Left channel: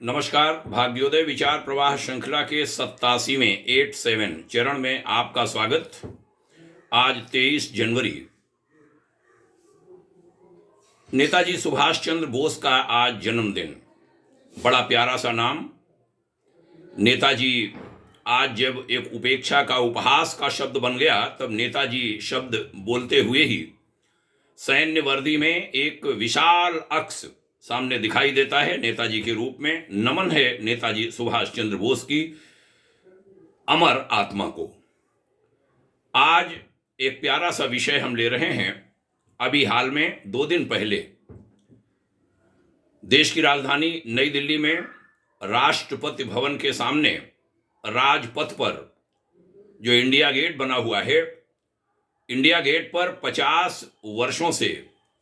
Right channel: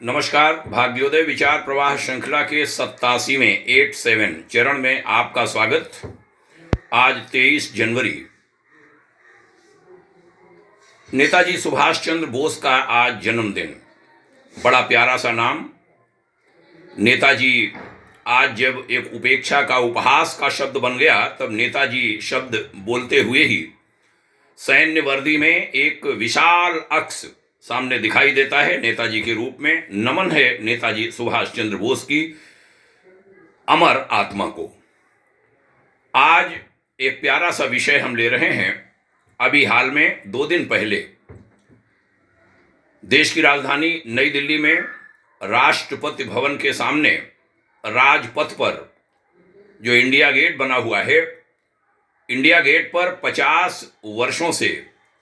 नमस्कार। भाग्योदय विचार प्रवाह श्रृंखला के 87वें 87 चरण में आपका स्वागत। आज 23 जनवरी नेताजी सुभाष चंद्र बोस का आज जन्मदिन। बड़ा प्यारा सा नाम नेताजी। आज जब एक उपेक्षा का उपहास का शब्द बन गया, तब नेताजी शब्द बोलते हुए ही सैन्य वर्दी में एक विशाल अक्ष सामने दिखाई देता है नेताजी के रूप में। नमन है नेताजी सुभाष चंद्र बोस की अमर आत्मा को। आज एक प्यारा सा विषय हम ले रहे हैं। अभी हाल में 2 दिन पहले देश की राजधानी नई दिल्ली में राष्ट्रपति भवन के सामने राजपथ पर जो इंडिया गेट बना हुआ है, इंडिया गेट पर 50 वर्षों से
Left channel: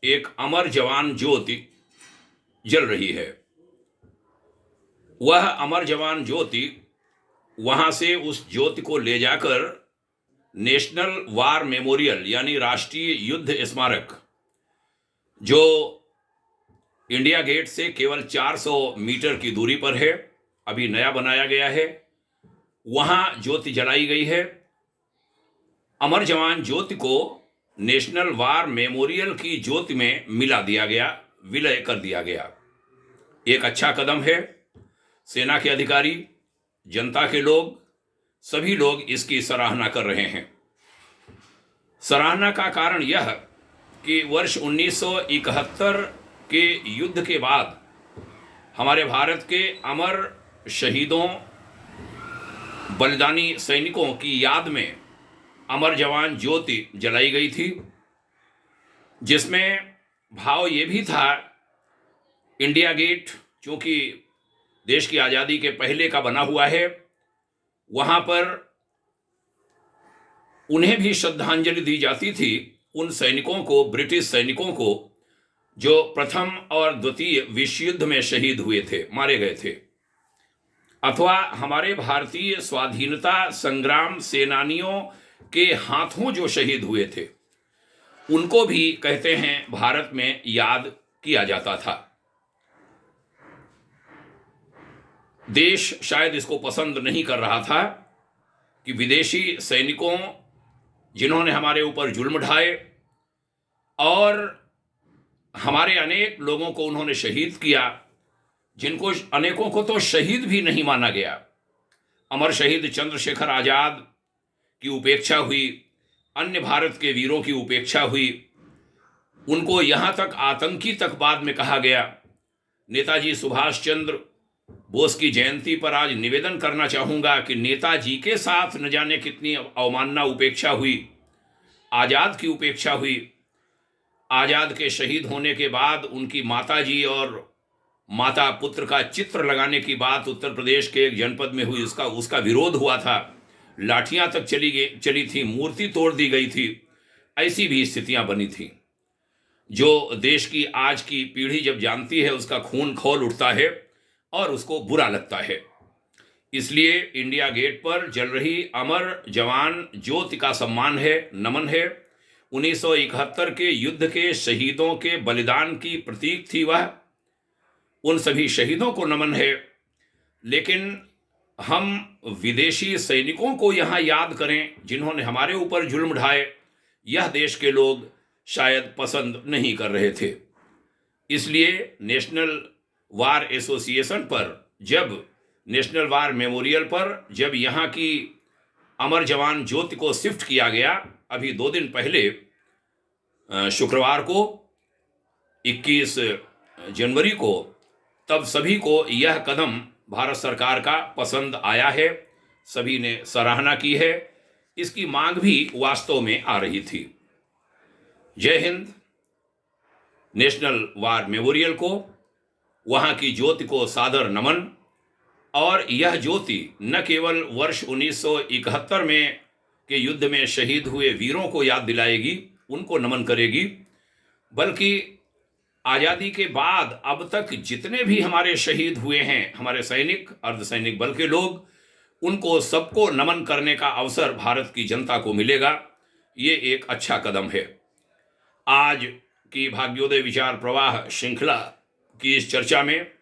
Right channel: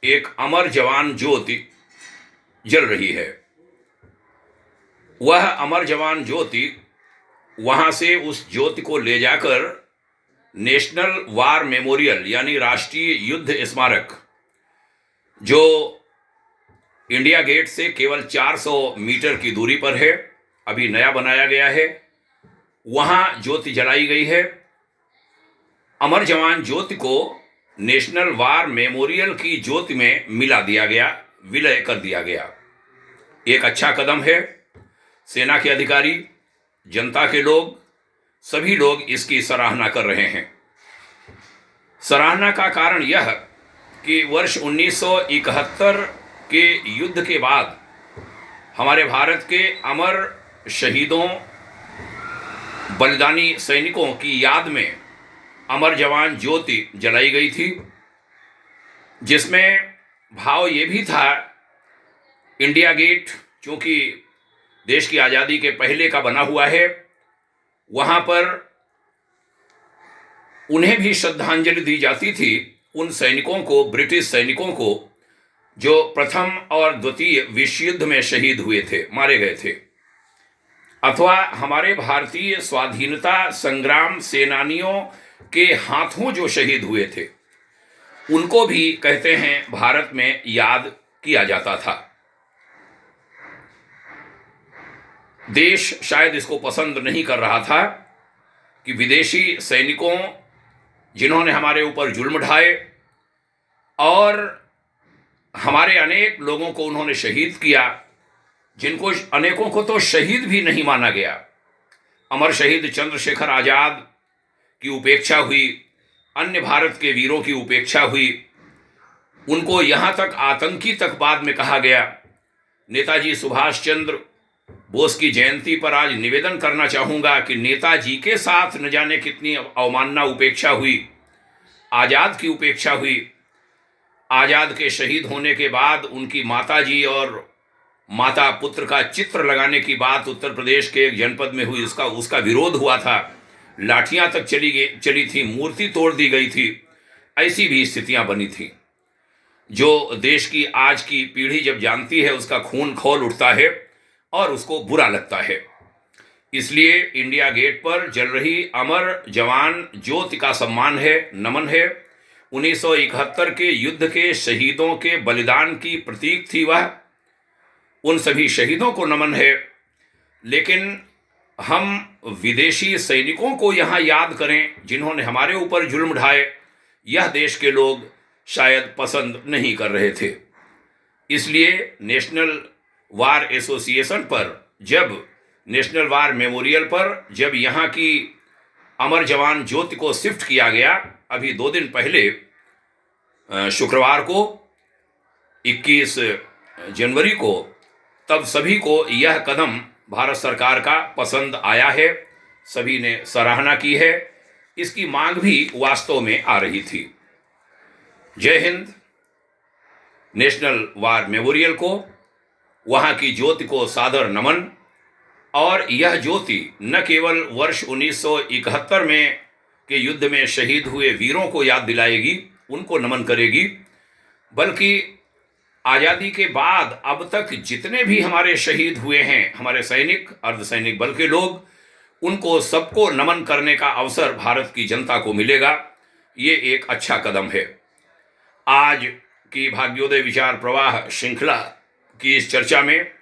एक अमर जवान ज्योति जल रही है। वह अमर जवान ज्योति, वहां से उस ज्योति को ले जाकर नेशनल वार मेमोरियल यानी राष्ट्रीय युद्ध स्मारक, जो इंडिया गेट से केवल 400 मीटर की दूरी पर है, अभी नया बनाया गया है, वहां ज्योति जलाई गई है। अमर जवान ज्योति को नेशनल वार मेमोरियल की ज्योति में मिला दिया गया, विलय कर दिया गया। एक अच्छा कदम है। सेना के अधिकारी, जनता के लोग, सभी लोग इसकी सराहना कर रहे हैं। सराहना का कारण यह कि वर्ष 1971 के युद्ध के बाद हमारे भारत के अमर शहीदों, बलिदानी सैनिकों की याद में अमर जवान ज्योति जलाई गई थी, जिसमें भाव ये भी था, इंडिया गेट चूंकि देश की आज़ादी के पहले का बना हुआ है, वहाँ पर उन्हें भी श्रद्धांजलि दी जाती थी, उन सैनिकों को, ब्रिटिश सैनिकों को जो प्रथम और द्वितीय विश्व युद्ध में शहीद हुए थे, मारे गए थे, अथवा हमारे भारतीय स्वाधीनता संग्राम सेनानियों के हाथों जो शहीद हुए थे, उनको भी कहते हैं भारत में याद किया जाता था। देश शायद इसको पसंद नहीं कर रहा था कि विदेशी सैनिकों, जिन्होंने हमारे ऊपर जुल्म ढाए और हमारे अनेक लोगों को उन्होंने शहीद किया, जिनको अनेकों को तो शहीद भी नहीं माना गया। अमर शहीद चंद्रशेखर आज़ाद की उपेक्षा हुई, अन्य भारत के वीरों की उपेक्षा हुई, उनको यहाँ तक आतंकी तक बाद में कहा गया। नेताजी सुभाष चंद्र बोस की जयंती पर आज निवेदन करना चाहूँगा कि नेताजी के साथ न जाने कितनी अवमानना, उपेक्षा हुई, आज़ाद की उपेक्षा हुई। आज़ाद के शहीद होने के बाद उनकी माताजी और माता पुत्र का चित्र लगाने की बात उत्तर प्रदेश के एक जनपद में हुई, उसका विरोध हुआ था, लाठियाँ तक चली थी, मूर्ति तोड़ दी गई थी। ऐसी भी स्थितियाँ बनी थी जो देश की आज की पीढ़ी जब जानती है, उसका खून खौल उठता है और उसको बुरा लगता है। इसलिए इंडिया गेट पर जल रही अमर जवान ज्योति का सम्मान है, नमन है। 1971 के युद्ध के शहीदों के बलिदान की प्रतीक थी वह, उन सभी शहीदों को नमन है। लेकिन हम विदेशी सैनिकों को यहाँ याद करें, जिन्होंने हमारे ऊपर जुल्म ढाए, यह देश के लोग शायद पसंद नहीं कर रहे थे। इसलिए नेशनल वार एसोसिएशन पर, जब नेशनल वार मेमोरियल पर जब यहाँ की अमर जवान ज्योति को शिफ्ट किया गया, अभी 2 दिन पहले शुक्रवार को 21 जनवरी को, तब सभी को यह कदम भारत सरकार का पसंद आया है, सभी ने सराहना की है। इसकी मांग भी वास्तव में आ रही थी। जय हिंद। नेशनल वार मेमोरियल को, वहाँ की ज्योति को सादर नमन। और यह ज्योति न केवल वर्ष 1971 में के युद्ध में शहीद हुए वीरों को याद दिलाएगी, उनको नमन करेगी, बल्कि आज़ादी के बाद अब तक जितने भी हमारे शहीद हुए हैं, हमारे सैनिक, अर्धसैनिक बल के लोग, उनको सबको नमन करने का अवसर भारत की जनता को मिलेगा। ये एक अच्छा कदम है। आज की भाग्योदय विचार प्रवाह श्रृंखला की इस चर्चा में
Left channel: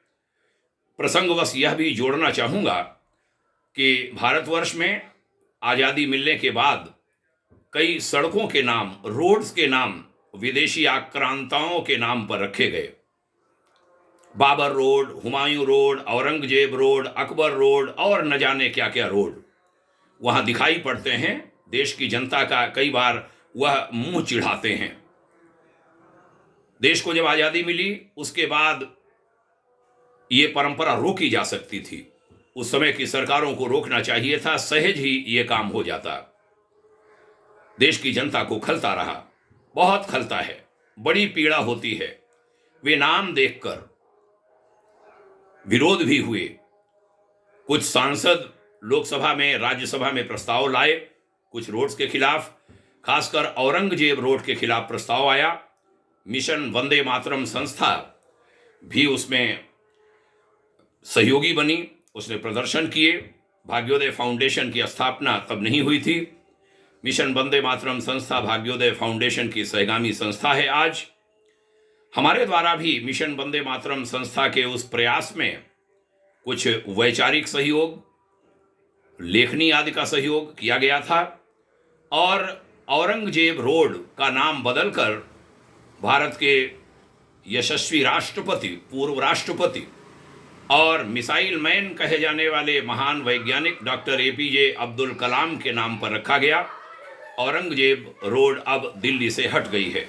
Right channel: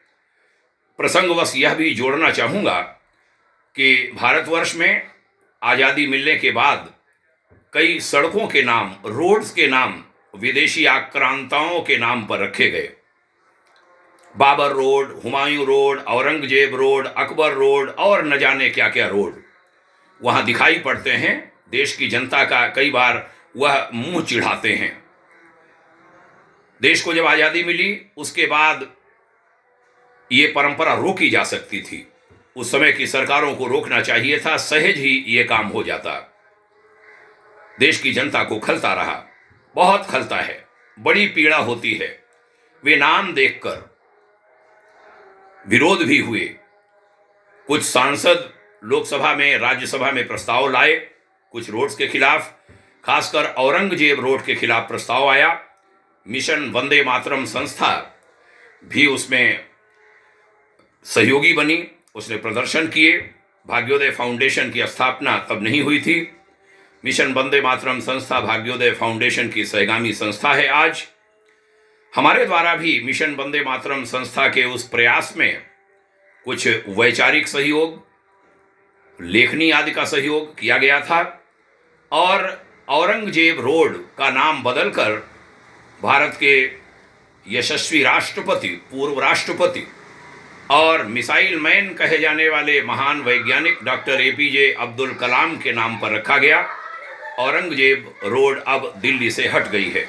प्रसंगवश यह भी जोड़ना चाहूँगा कि भारतवर्ष में आज़ादी मिलने के बाद कई सड़कों के नाम, रोड्स के नाम विदेशी आक्रांताओं के नाम पर रखे गए। Babar road, Humayun road, Aurangzeb road, Akbar road और न जाने क्या क्या रोड वहाँ दिखाई पड़ते हैं। देश की जनता का कई बार वह मुंह चिढ़ाते हैं। देश को जब आज़ादी मिली उसके बाद ये परंपरा रोकी जा सकती थी। उस समय की सरकारों को रोकना चाहिए था, सहज ही ये काम हो जाता। देश की जनता को खलता रहा, बहुत खलता है, बड़ी पीड़ा होती है। वे नाम देखकर विरोध भी हुए। कुछ सांसद लोकसभा में, राज्यसभा में प्रस्ताव लाए कुछ रोड्स के खिलाफ, खासकर औरंगजेब रोड के खिलाफ प्रस्ताव आया। मिशन वंदे मातरम संस्था भी उसमें सहयोगी बनी, उसने प्रदर्शन किए। भाग्योदय फाउंडेशन की स्थापना तब नहीं हुई थी। मिशन वंदे मातरम संस्था भाग्योदय फाउंडेशन की सहगामी संस्था है। आज हमारे द्वारा भी मिशन वंदे मातरम संस्था के उस प्रयास में कुछ वैचारिक सहयोग, लेखनी आदि का सहयोग किया गया था और औरंगजेब रोड का नाम बदलकर भारत के यशस्वी राष्ट्रपति, पूर्व राष्ट्रपति और मिसाइल मैन कहे जाने वाले महान वैज्ञानिक डॉक्टर एपीजे अब्दुल कलाम के नाम पर रखा गया। औरंगजेब रोड अब दिल्ली से हट गई है।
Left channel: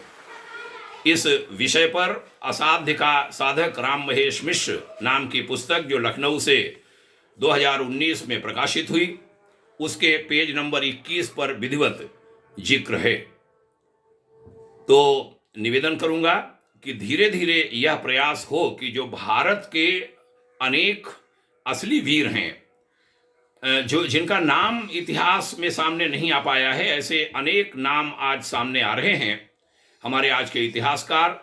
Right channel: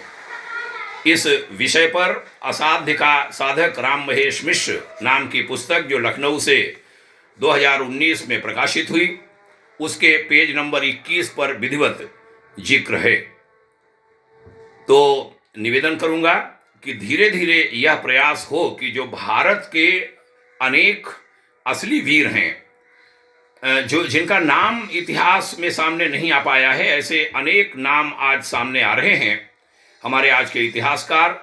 इस विषय पर असाध्य का साधक राम महेश मिश्र नाम की पुस्तक जो लखनऊ से 2019 में प्रकाशित हुई, उसके पेज नंबर 21 पर विधिवत जिक्र है। तो निवेदन करूंगा कि धीरे धीरे यह प्रयास हो कि जो भारत के अनेक असली वीर हैं, जो जिनका नाम इतिहास में सामने नहीं आ पाया है, ऐसे अनेक नाम आज सामने आ रहे हैं। हमारे आज के इतिहासकार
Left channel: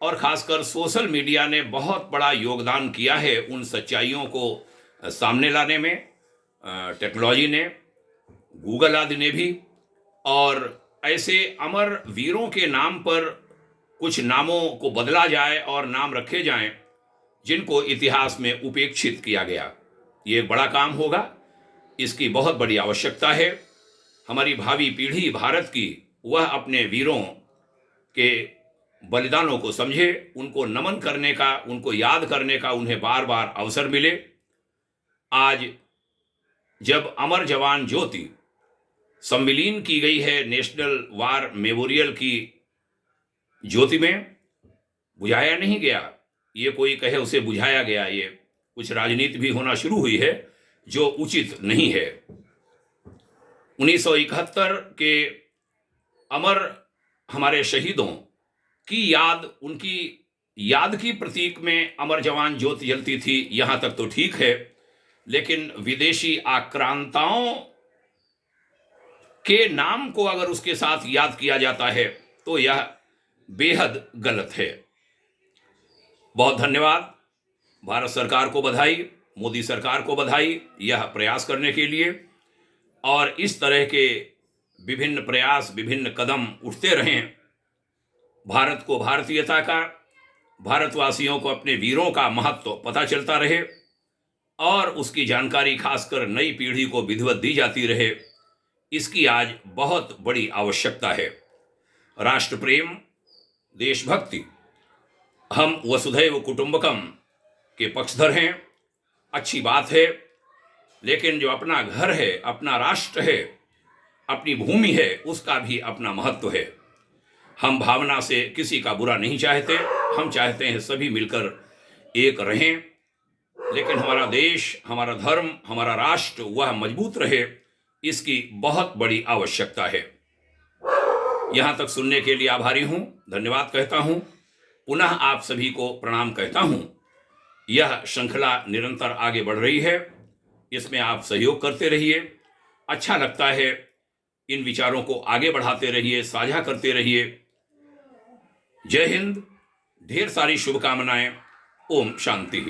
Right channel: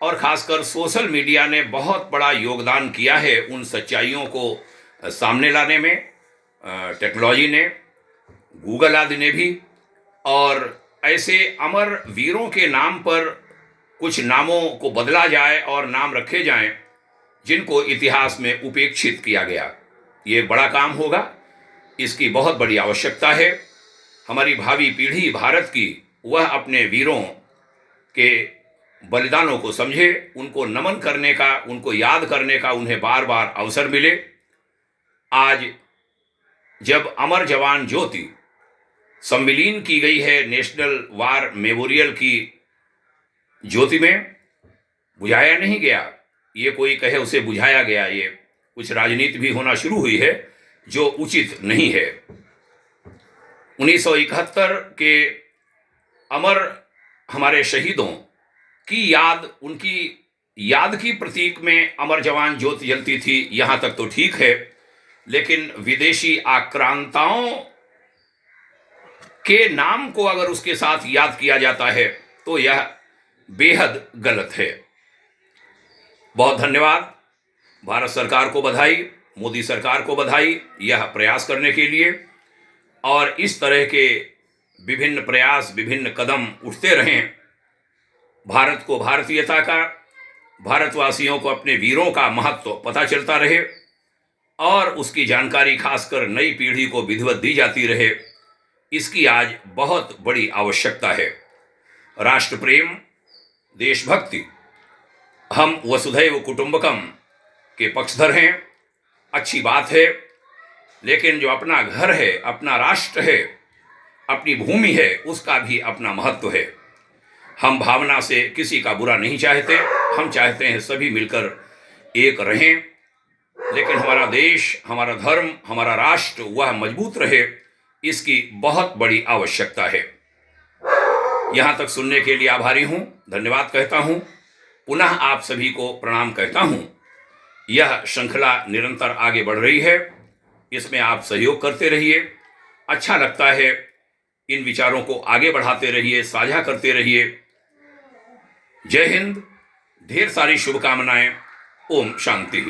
और खासकर सोशल मीडिया ने बहुत बड़ा योगदान किया है उन सच्चाइयों को सामने लाने में, टेक्नोलॉजी ने, गूगल आदि ने भी। और ऐसे अमर वीरों के नाम पर कुछ नामों को बदला जाए और नाम रखे जाएं जिनको इतिहास में उपेक्षित किया गया। ये बड़ा काम होगा, इसकी बहुत बड़ी आवश्यकता है। हमारी भावी पीढ़ी भारत की, वह अपने वीरों के बलिदानों को समझे, उनको नमन करने का, उनको याद करने का उन्हें बार बार अवसर मिले। आज जब अमर जवान ज्योति सम्मिलीन की गई है नेशनल वार मेमोरियल की ज्योति में, बुझाया नहीं गया, ये कोई कहे उसे बुझाया गया, ये कुछ राजनीति भी होना शुरू हुई है जो उचित नहीं है। 1971 के अमर हमारे शहीदों की याद, उनकी याद की प्रतीक में अमर जवान ज्योति जलती थी, यहाँ तक तो ठीक है। लेकिन विदेशी आक्रांताओं के नाम को अगर उसके साथ याद किया जाता है तो यह बेहद गलत है। बहुत धन्यवाद। भारत सरकार को बधाई, मोदी सरकार को बधाई यह प्रयास करने के लिए। और इस तरह के विभिन्न प्रयास, विभिन्न कदम उठते रहें। भारत को भारतीयता का, भारतवासियों को अपने वीरों का महत्व पता चलता रहे और उसकी जानकारी खासकर नई पीढ़ी को विधिवत दी जाती रहे। इसकी आज बहुत बड़ी आवश्यकता है। राष्ट्र प्रेम, देशभक्ति, हम वसुधैव कुटुंबकम के पक्षधर हैं, अच्छी बात है। लेकिन जो अपना घर है, अपना राष्ट्र है, अपनी भूमि है, उसका भी अपना महत्व है। हम भावना से किसी का बुरा नहीं चाहते, हम चाहते हैं सभी मिलकर एक रहें। लेकिन हमारा देश, हमारा धर्म, हमारा राष्ट्र वह मजबूत रहे, इसकी बहुत बड़ी आवश्यकता है। यहाँ तक सुनने के लिए आभारी हूँ, धन्यवाद कहता हूँ। पुनः आप सभी को प्रणाम कहता हूँ। यह श्रृंखला निरंतर आगे बढ़ रही है, इसमें आप सहयोग करते रहिए। अच्छा लगता है, इन विचारों को आगे बढ़ाते रहिए, साझा करते रहिए। जय हिंद, ढेर सारी शुभकामनाएं। ओम शांति।